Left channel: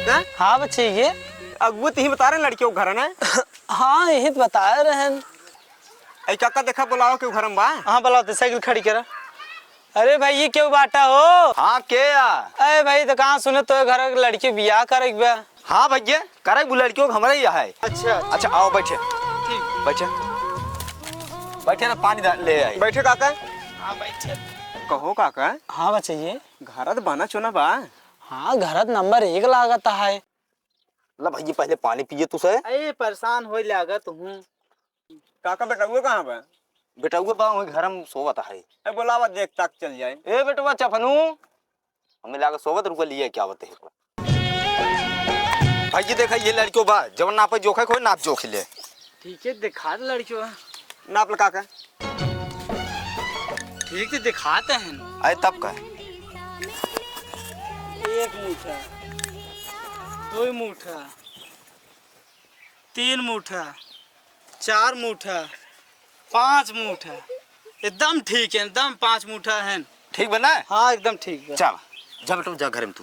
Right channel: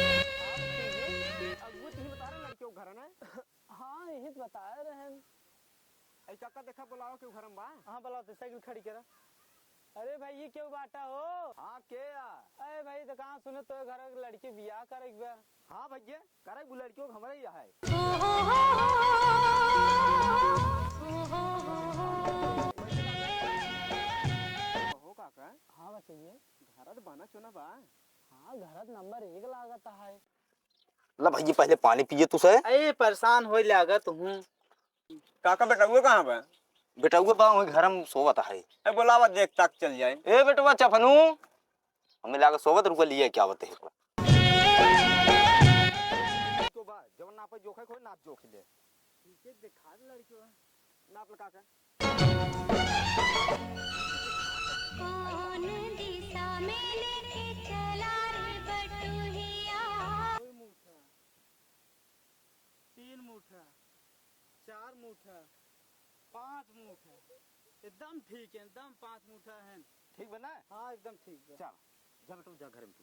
काका? हाँ बच्चे ये अगुत ही बता रहे लड़कियों के घर है ना? हाँ यही तो बता रहे हैं। ऐ काका देखा बुलाओ क्यों घर में बा? हाँ बुलाओ साइकिल खड़ी करा। अरे भाई ये क्यों बाटा हो? हाँ के या? अरे भाई तो कहाँ सुने तो घर की लड़की बियाह करे बा। हाँ भैया करे वो लड़कियों का हमारा ही है। अच्छा अच्छा आओ बैठे बैठे बैठे ना पानी ले आई। बैठे काका। हाँ बैठे। कहो काका, हाँ बच्चे ये घर तो बना चुना बा। हाँ घर नंबर 1 लागत है। ला भैया पहले पानी पिए तू से। अरे परेशान हो लागत हूँ। काका बेटा वो कहाँ बा? बेटा वो बा घर में सोवत है। ए बुलावा देख तक चल जाए। ए बेटवा चफनू हमें लागा सोवत रुपया लिए क्या बते है भैया देखा ये लड़कियों बा जब नाप जोखे कोई नाप जोख ले। ठीक है दिखा दे लड़कियों। नाप ला काका। ठीक है दिखाते हैं। आए तब का 1 मुठा 2 मुठा 3 मुठा 4 मुठा 5 मुठा एकदम ठीक है एकदम 5 मुठा है। ठीक बना है? हाँ एकदम ठीक है। चल जा बेटा जा घर में तू।